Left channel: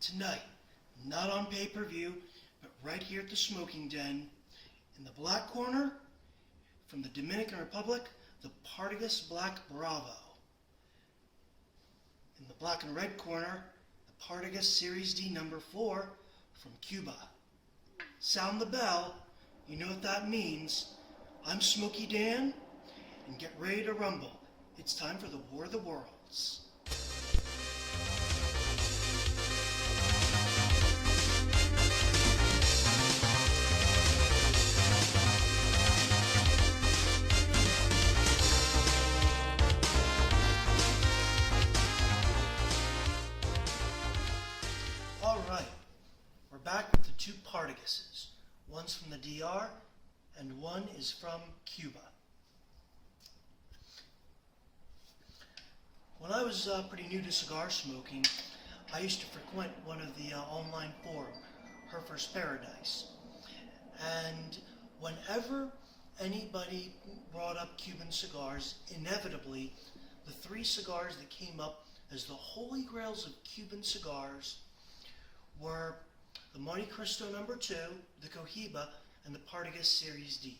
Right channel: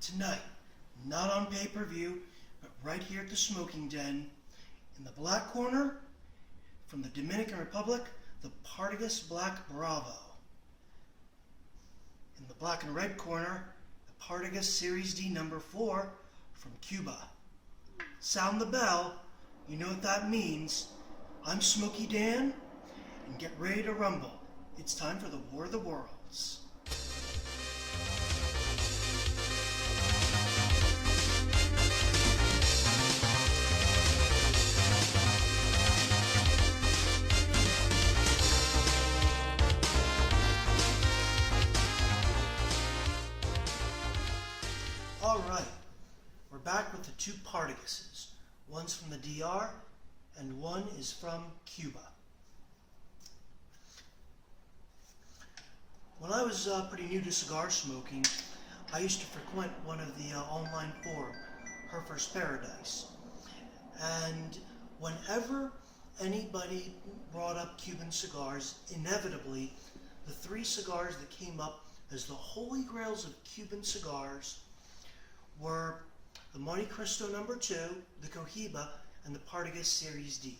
Tonight, not on pay-per-view, but right here at the Smoking Den, in the black corner, from the Dominican Republic, the Partagas Black Bravo. In the black and red corner, the Partagas Series D number 4 from Cuba. Sound the bell, you know what that means. I'm Smoky Dan, and get ready to rumble. It's time for the War of the Worlds. Alright, we're back with the two Partagases. One's from the DR and one is from Cuba. When I was pretty new to cigar smoking, I used to frequent one of the online forums, Her First Paradise. And whenever anybody brought up Cuban cigars, inevitably the three cigars that came up as the holy grails of Cuban cigars were the Monte Cristo number 2, the Cohiba, and the Partagas Series D.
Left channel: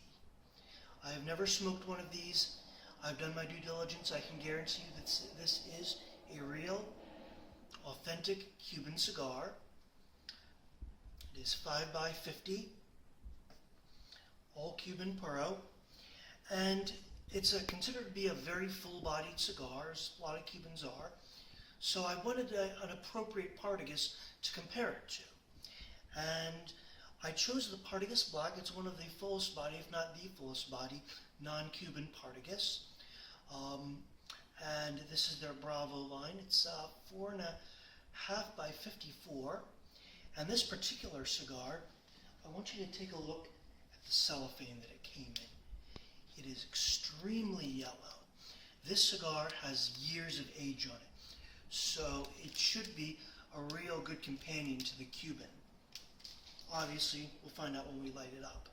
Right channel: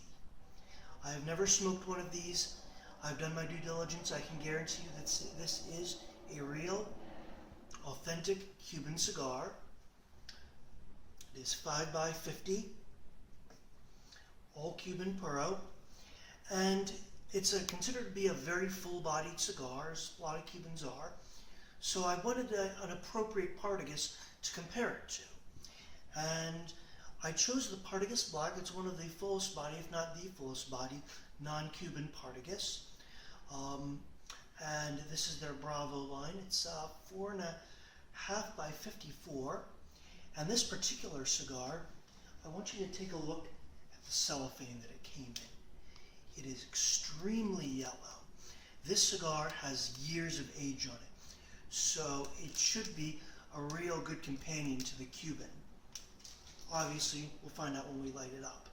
I have never smoked one of these. I've done my due diligence. I can guarantee you that this is a real, authentic Cuban cigar. It is 5x50, all Cuban Puro, and it's considered to be a very full-bodied cigar, as a lot of Cubans are. So I wanted an appropriate Partagas to compare it to. And I chose the Partagas Black. It's one of the fullest body, if not the fullest body, non-Cuban Partagas. And this is their Bravo line. It's 4.5 by 54. And this particular cigar, I want you to take a look at the cellophane that it came in. It is extremely yellow. This cigar has years of age on it. So it should be a real good companion to the Cuban. Obviously, we'll find out when we light it up.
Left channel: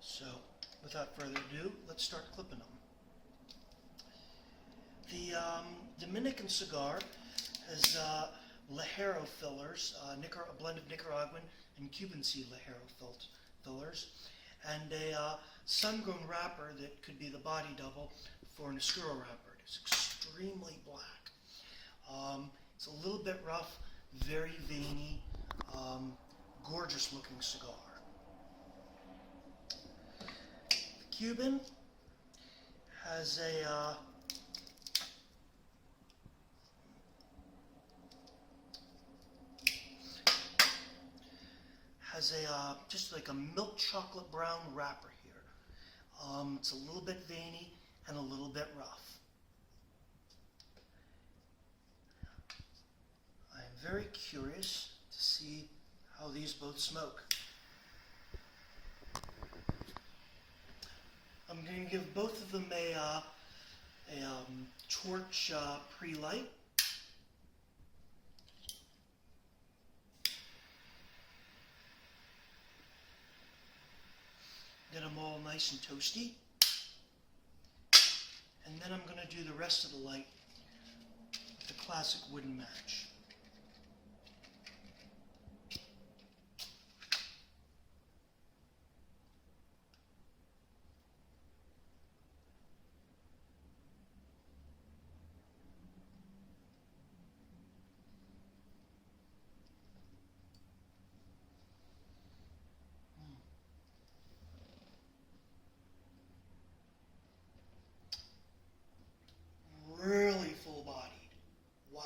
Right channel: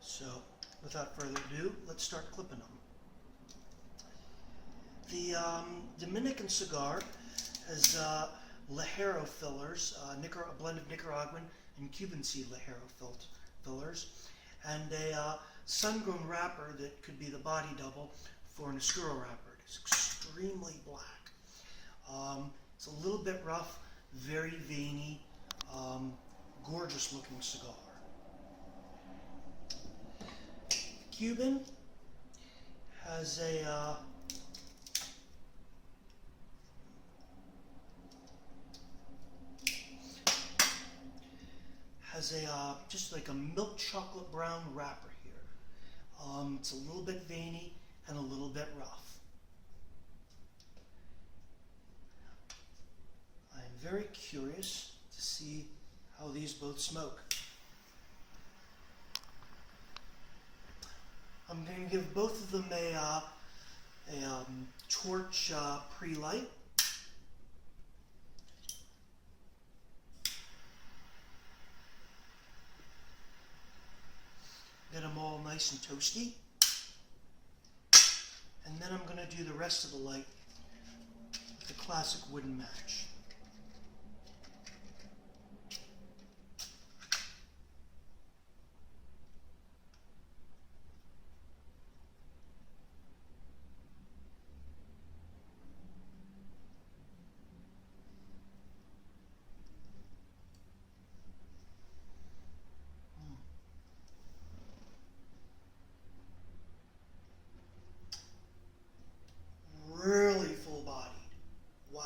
So, without further ado, let's start clipping them. The Dominican cigar has Ligero fillers, a blend of Nicaraguan and Cuban seed Ligero fillers, and a sun-grown wrapper that could be the body double for an Oscuro wrapper. It's extremely black. It's a little bit rough, very veiny, gorgeous looking cigar. The Cuban has a just like a milk chocolate brown wrapper here. It's a little bit veiny and a little bit rough. I'm very curious to see how these both smoke. I'm going to give both of them a torch pre-light. Get them all nice and toasty. And then I'm going to do the rest of the light with the classic wooden match. Really full-bodied. Wow.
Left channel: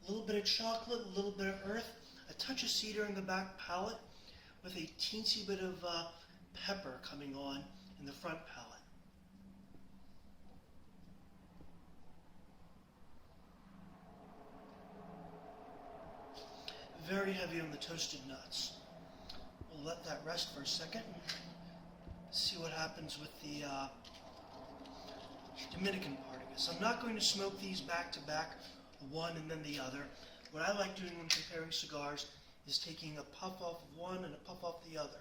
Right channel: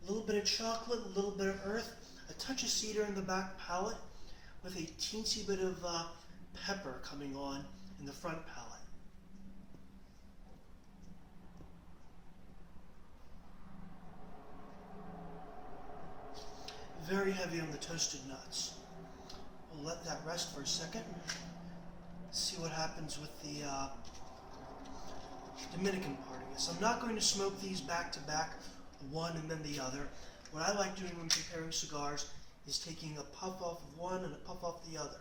A little bit of chocolate, a little bit of earth, a touch of cedar in the back palate, with a teensy bit of pepper coming on in the front palate. Very heavy on the toasted nuts. We'll let that rest for a second. See what happens with the Dominican Partagas. I'm not going to smoke these back to back, one and then the other. What I like doing when comparing cigars is taking a puff off of one and a puff off the other.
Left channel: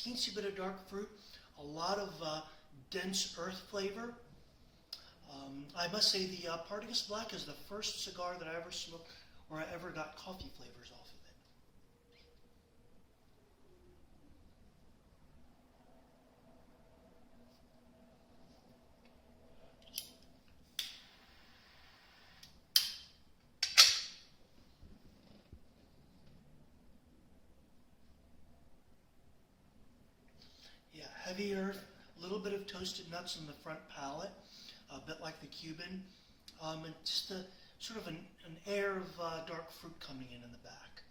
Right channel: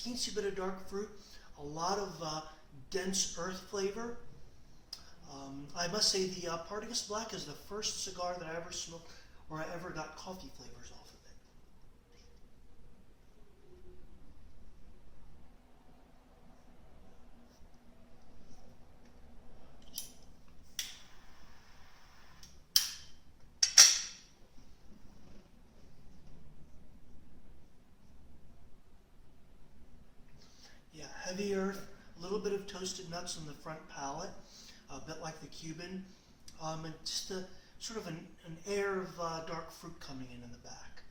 teensy bit of dark fruit, a lot of dense earth flavor. I must say the Partagas Black is the first cigar that I ever smoked where I ever got coffee flavors off of it. Yeah, heavy earth, a little bit of toasted nuts on the front palate, a bit like the Cuban, and just a sort of an air of dark fruit coming in the back.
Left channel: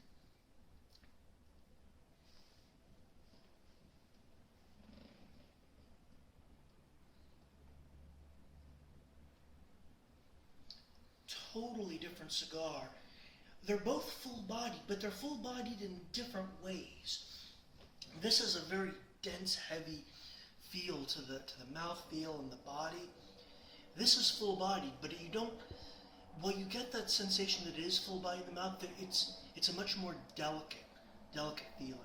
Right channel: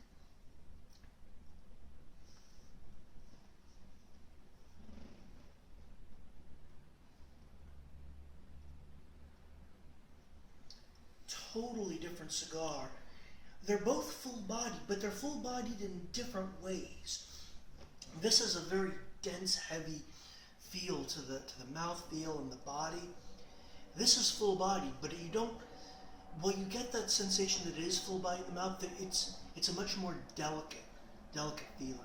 Totally different cigar. They're both full-bodied, but they're full-bodied in different ways. This is a very dense, heavy feel to the mouth feel and the body. This is full-bodied, but you don't. Well, you get that sensation that it is full-bodied in the mouth. That it's a much more delicate feeling.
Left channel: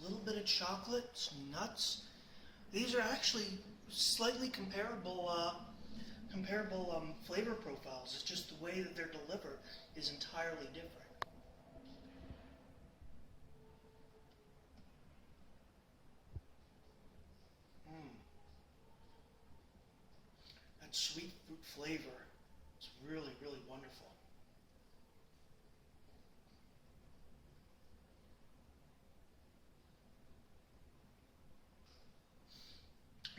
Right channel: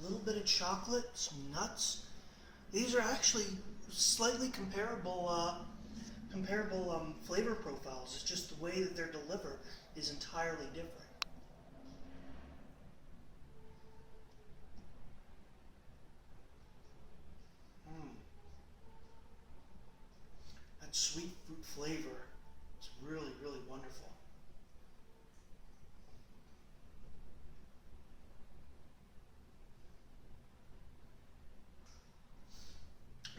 A little bit of chocolate, some nuts. These are actually slightly comparable flavor profiles. It's just the way that they're delivered is entirely different. That sweet fruit flavor is really, really wonderful.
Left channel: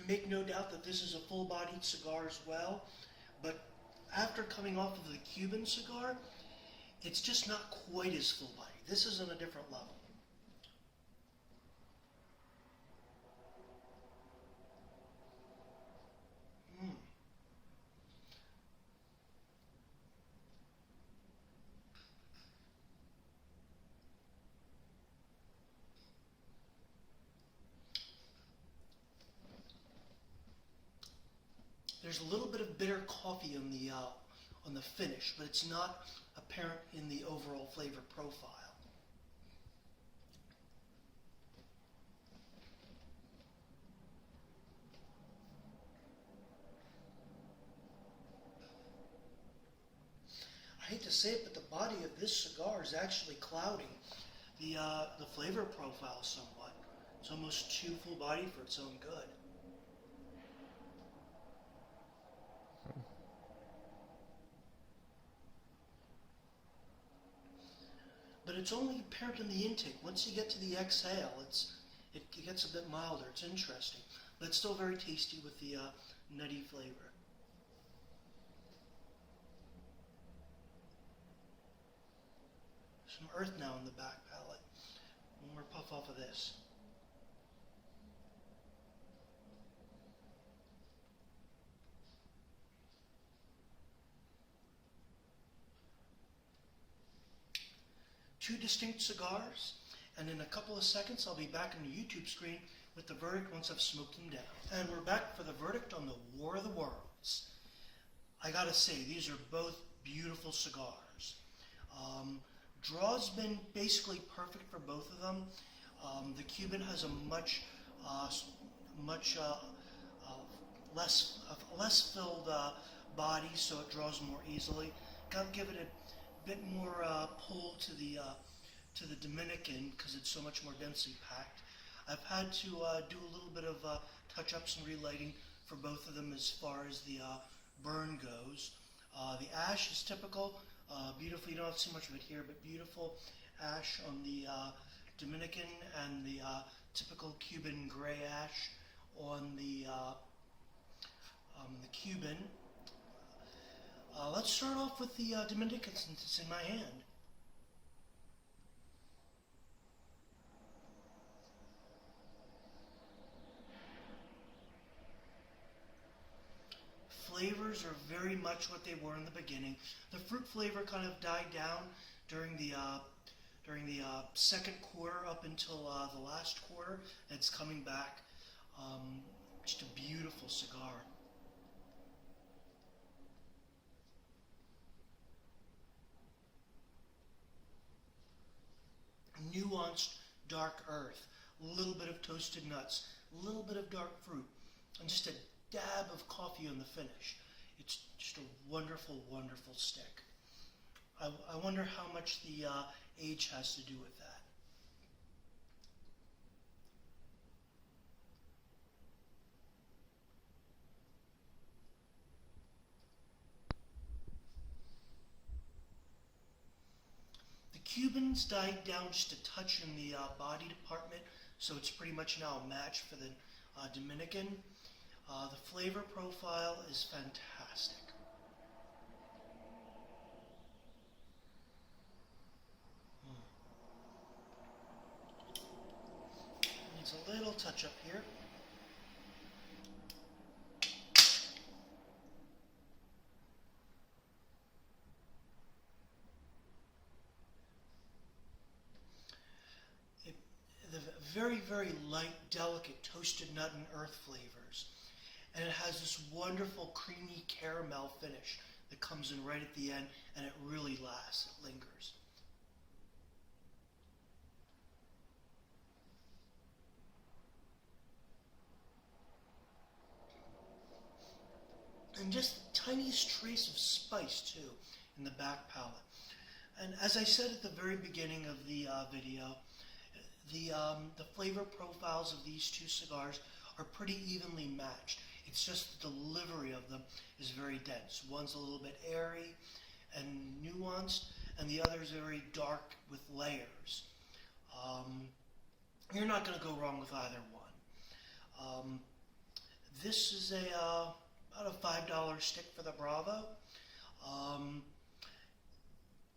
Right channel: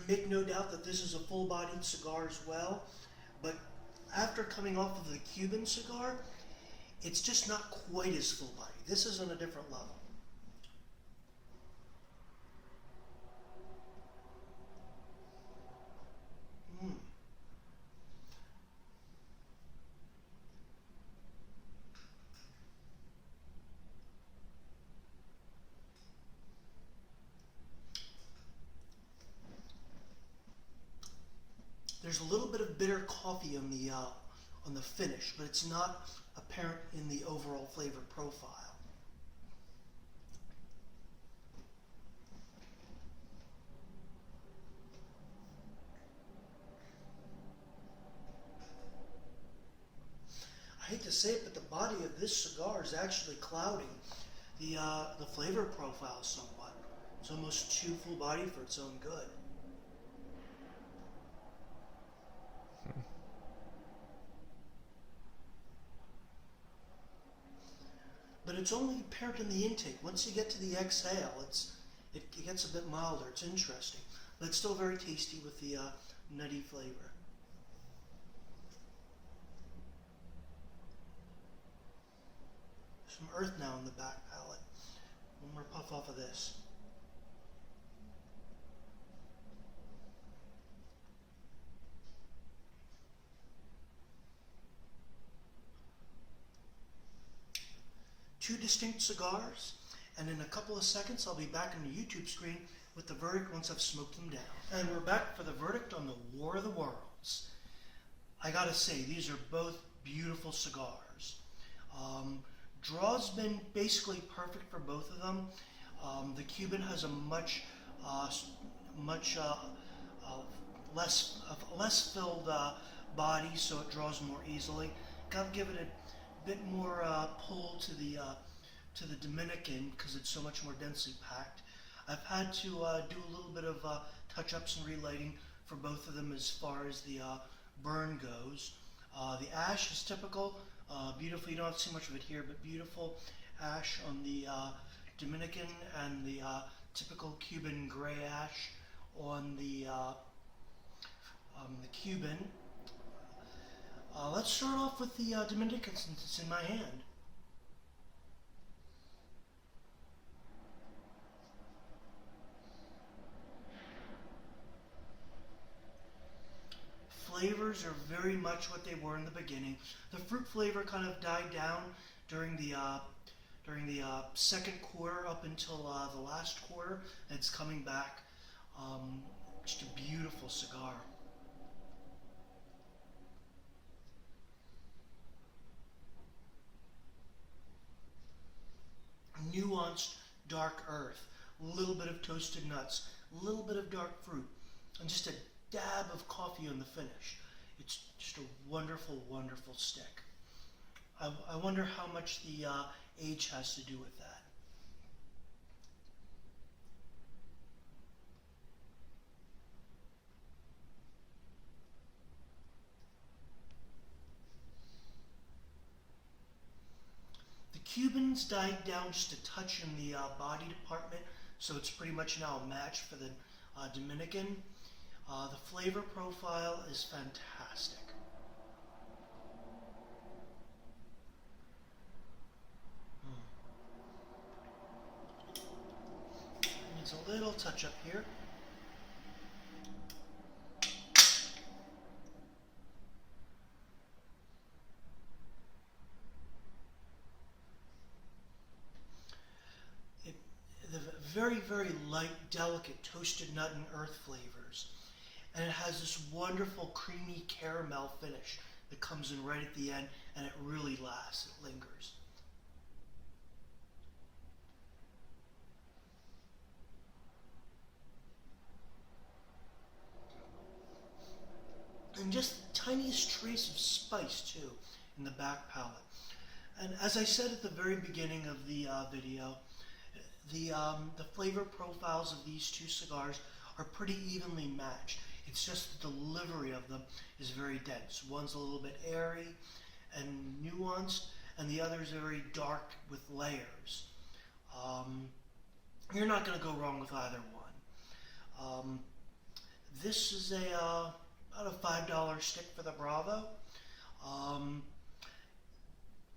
Make no doubt that this is a full-bodied cigar as well, but after coming off of the Cuban cigar, it's just not quite as full-bodied. This is on a different level. There's a little bit of bitter coffee on the finish, but it's not apparent in the overall flavor profile. I hate to say it, but the body of this cigar is actually clouding the flavor profile somewhat. It's almost too full body for its own good. But it's only apparent in the intake. Once you get to the exhale, it gets a bit milder. It's interesting, but it's still very tasty with the nutty flavor. Some earth now in the back palate. One more puff off of this. Two distinct cigars, and in a couple of seconds I'll be back on the YouTube screen with the verdict once I've smoked them down. And we're back for the verdict on the War of the Worlds. I gotta say, these are both beautiful cigars. Draw's been basically perfect for both of them. The Cuban has a much less filled body, so it draws more easily. Gotta give it a bit more pull to the Dominican because it's so much more densely packed. I've had to do a little bit of touch-ups and relighting for both of them as far as the burn goes. The ash is typical, beautiful. You don't see much of it here, but beautiful ash on the Dominican and the typical Cuban gray ash on the Cuban. Let's start off with the Dominican since it's in my hand. Flavors are very much what they were in the beginning. The fruit flavor kind of died down during the second quarter up until the last quarter. It's coming back. Just a beautiful cigar. nuanced dark earth, a little bit of toasted nuts, a little bit of dark fruit, and just a dab of coffee on the finish. It's just a wonderful, wonderful stick. I wonder how much the age has to do with that. The Cubans died down just a touch in the body department, so it's pretty much now a match for the Dominican. The flavor profile is fantastic. Needs a little touch up here. The very, very light, delicate toasted nut and earth flavors. And it has this wonderful creamy caramel finish that comes in right at the end, and it really lasts, it lingers. And just the tiniest trace of spice too in the back palate. And as I said at the very beginning of the video, the flavor profiles of these two cigars are pretty evenly matched. It's just the delivery of them is very dense. One's a little bit airy and nuanced, and the other is very dark with layers. You're not going to go wrong with either one. This is about a $5 stick for the Bravo.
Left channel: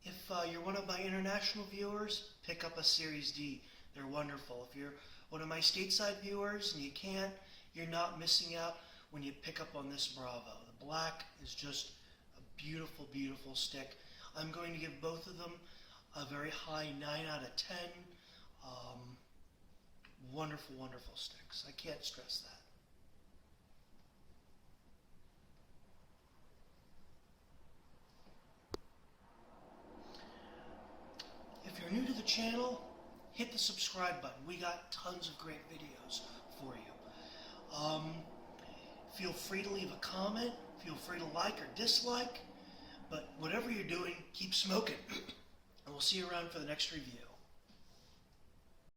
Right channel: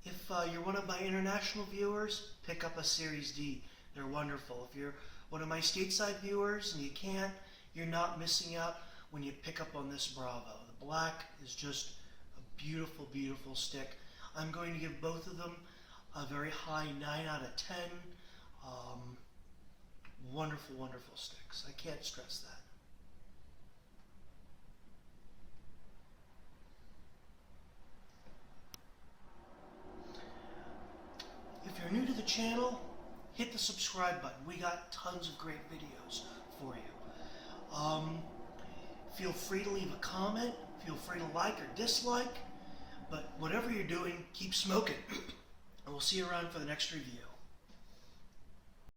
If you're one of my international viewers, pick up a Series D. They're wonderful. If you're one of my stateside viewers and you can't, you're not missing out when you pick up on this Bravo. The black is just a beautiful, beautiful stick. I'm going to give both of them a very high 9 out of 10. Wonderful, wonderful sticks. I can't stress that. If you're new to the channel, hit the subscribe button. We got tons of great videos for you. Feel free to leave a comment. Feel free to like or dislike. But whatever you're doing, keep smoking. And we'll see you around for the next review.